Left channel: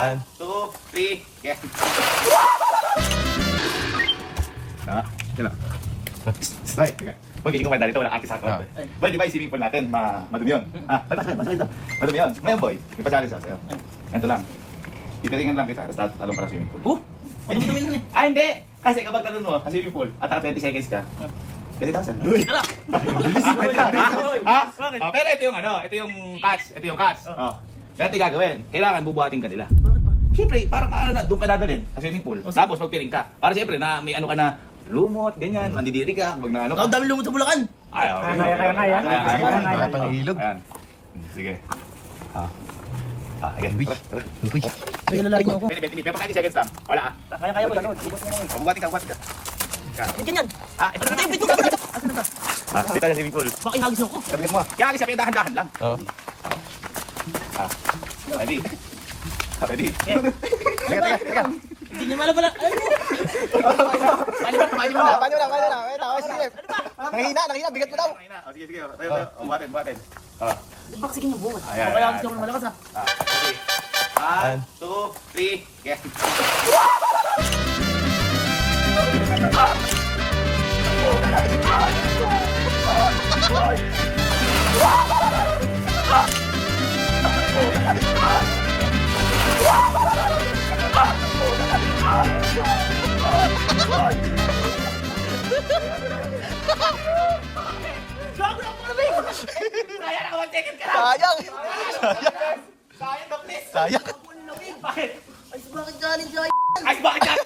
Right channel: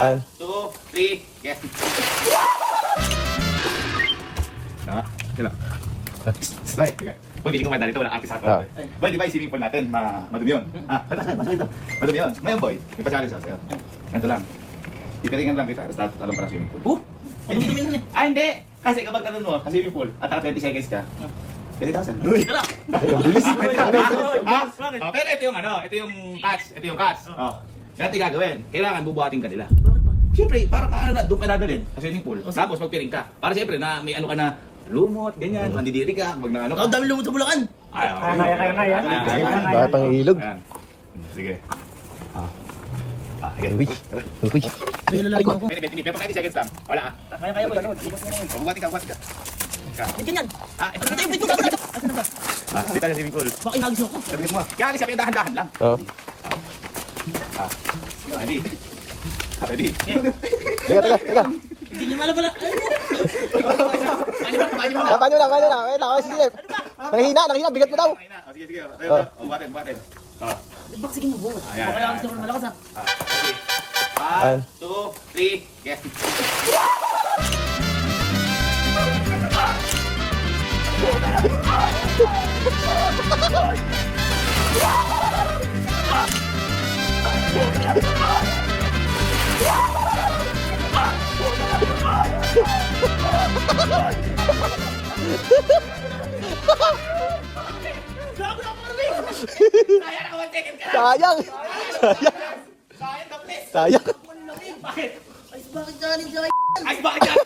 1, 2, 3, yes. Ah, sila. Right, teka. Pag hindi ko mandali ito, walang artist ako. Boy, di ba yung swimming pool natin, madumi yun? Masakit ito. Madumi yun. Ngayon, boy, ipachallenge ako sa'yo. Ganito lang. Itiringan lang kita, tapos talong para swimming pool. Madumi na eh. Hindi! Kasi kapag tanong mo, sa swimming pool, at 20 seconds ka, 30,000. Uy! Pero ito yung ito yung catch. Ito yung catch. Ganito yung gagawin. Kailangan bubuhatin ka nila. Siyempre, parang doon ka dadalhin sa swimming pool. Tapos magpiring ka. Para siyempre na may ano ka na, lumot, ganyan, mandidiri ka, wag na ano ka. Ang dami lumot sa Bulacan. Kaya. Pangilog. Ayan. Sige. Again. Uy. Ay, lalaki mo ako. Pero 30 seconds lang. Wala ka. Kaya boy. Bubuhatin ka. Ba't ganyan? Ito na. Ay, bito ka. Asan na ba? Dito sa swimming pool. Baka inagis ako. Sabi mo. Kaya kasi sabi dahan-dahan lang. Ready? Ready? Teka. Hindi niya malabala. Paano mo? Paano lang. Okay, sige. Nakihina, bigat mo daw. Sige. Buhatin. Baka sige niyo buhat. Ayan, Baka ayan. inagis ako ng malakas ha. 1, 2, 3, yes. Kaya na mag-ticket ka lang! Sayang. Sayang ka, please! Sayang. Bakit? Ay, bakit galing dyan? Ay, bakit yan?